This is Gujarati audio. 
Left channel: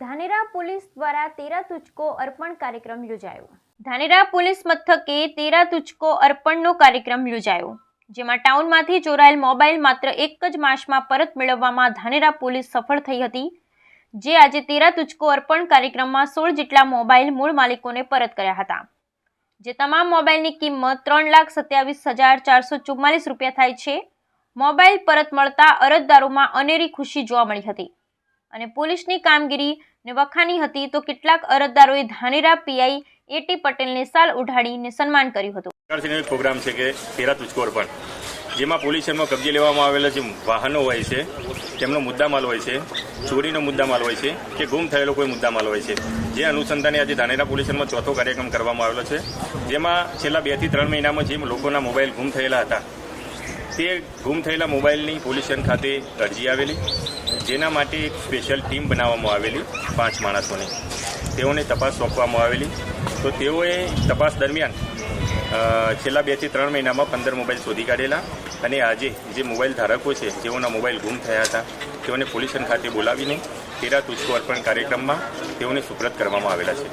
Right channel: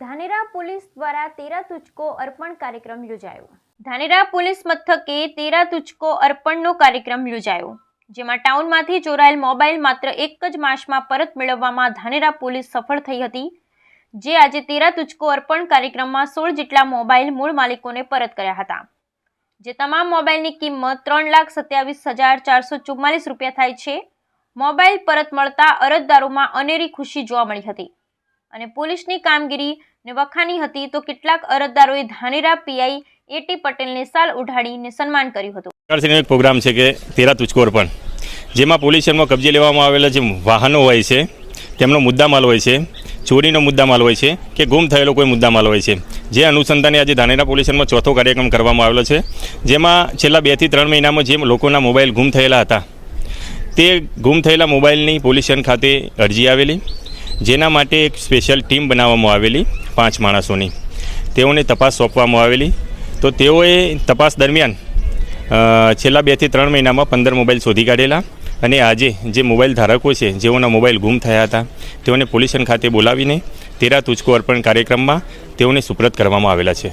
ધાનેરા પોલીસ દ્વારા તેરા તુચકો અર્પણ કાર્યક્રમ યોજાયો. ધાનેરા પોલીસ મથકે તેરા તુચકો અર્પણનો કાર્યક્રમ યોજાયો, જેમાં ટાઉનમાંથી ચોરાયેલ મોબાઈલ માત્ર એક જ માસમાં પરત મેળવવામાં ધાનેરા પોલીસ સફળ થઈ હતી, જે આજે તેરા તુચકો અર્પણ કાર્યક્રમમાં સોળ જેટલા મોબાઈલ મૂળ માલિકોને પરત કર્યા હતા. જે તમામ મોબાઈલની કિંમત ત્રણ લાખ સત્યાવીસ હજાર ચારસો ચુમ્માલીસ રૂપિયા થાય છે. મોબાઈલ પરત મળતા અરજદારોમાં અનેરી ખુશી જોવા મળી હતી. અને પોલીસની કામગીરીને વખાણી હતી તો કેટલાક અરજદારોએ ધાનેરા પીઆઈ એટી પટેલને સાલ ઉઢાડીને સન્માન કર્યું હતું. એક પ્રોગ્રામ છે કે તેરા તુચકોર પણ, જેમાં પોલીસ સ્ટેશનમાં કબજે લેવામાં આવેલા જે વાહનો હોય છે, તેમનો મુદ્દામાલ હોય છે, ચોરીનો મુદ્દામાલ હોય છે કે ગુમ થયેલો કોઈ મુદ્દામાલ હોય છે, જે અનુસંધાને આજે ધાનેરા પોલીસ સ્ટેશનમાં ચોથો કાર્યક્રમ કરવામાં આવેલો છે, જેમાં છેલ્લા બેથી ત્રણ મહિનામાં જે લોકોના મોબાઈલ ગુમ થયેલા હતા, તે ગુમ થયેલા મોબાઈલની પોલીસ સ્ટેશન ખાતે અરજી આવેલી જેના માટે એક સ્પેશિયલ ટીમ બનાવવામાં આવેલી પાંચ માણસોની. તેઓને તપાસ સોંપવામાં આવેલી. તો તેઓએ તપાસ દરમિયાન છેલ્લા બેથી ત્રણ મહિનામાં પંદર મોબાઈલ શોધી કાઢેલા અને આજે જે મોબાઈલ ધારકો છે, જેઓના મોબાઈલ ગુમ થયા હતા, તેઓને પોલ્યુશન ખાતે બોલાવીને તેરા તુચકો અર્પણ કાર્યક્રમમાં તેઓને સુપ્રત કરવામાં આવેલા છે.